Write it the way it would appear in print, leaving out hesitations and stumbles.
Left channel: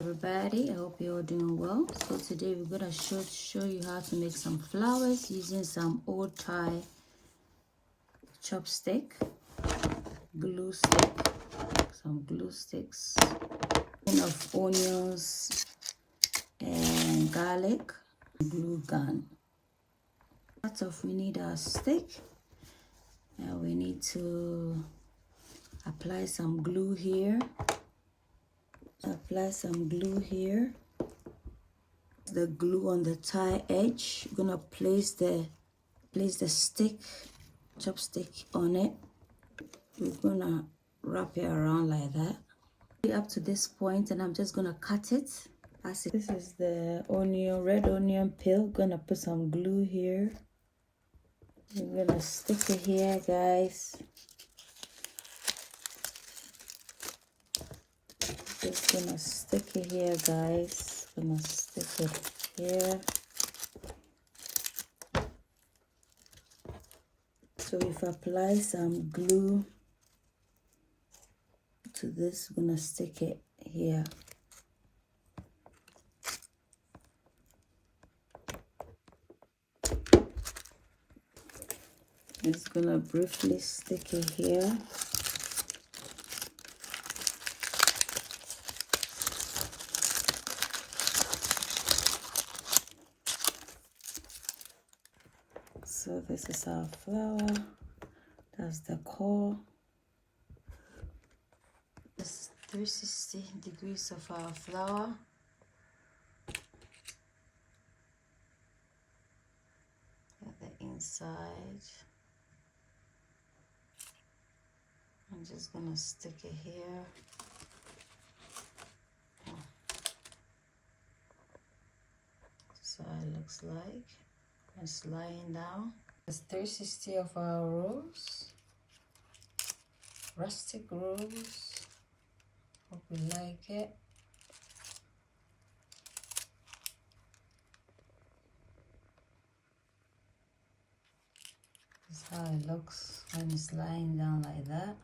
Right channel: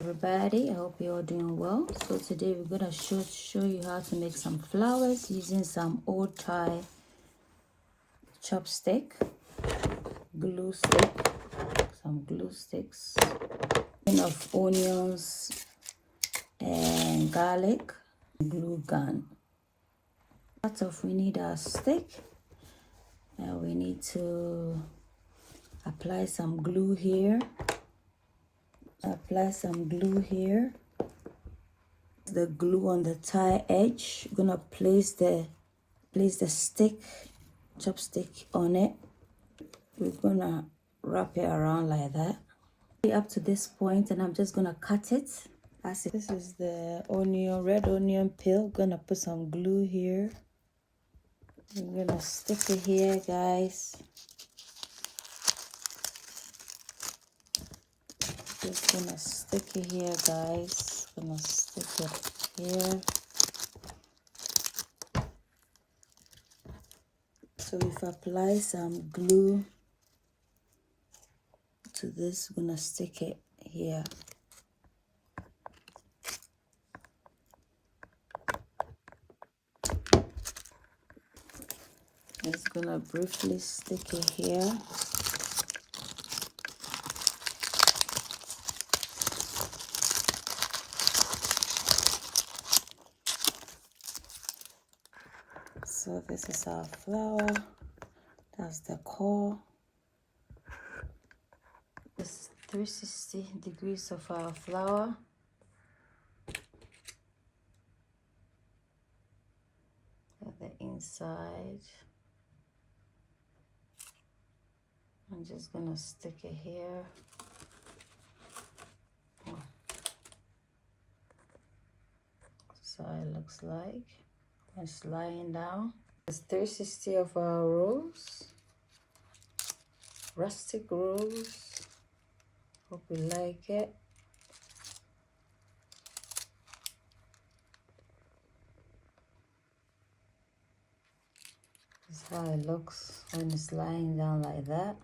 Everybody, I hope you're all doing well. So today we're gonna show you how to make some flowers using some old Thai chopstick, glue stick, some glue sticks, of onions and garlic, glue gun. Start off, we need our stick. Now we need to apply some glue here. Apply some glue here. The glue on the tie edge. You're gonna place the chopstick on it. We're gonna wrap it around like that up to this point, and I'm just gonna cut it. This is the red onion peel. Gonna put some glue here. We're gonna stick it here, guys. Just gonna stick it here, guys. Gonna stick it here. So if I apply some glue to this, I'm gonna stick it here. Just gonna briefly stick it here. So this is our flower. That's the core. This 360 degrees of our flower. At the inside. I'm just gonna stick it here. So it looks like it's lying down. It's 360 of our rose, rustic rose. Hope you like it. This is how it looks when it's lying down like that.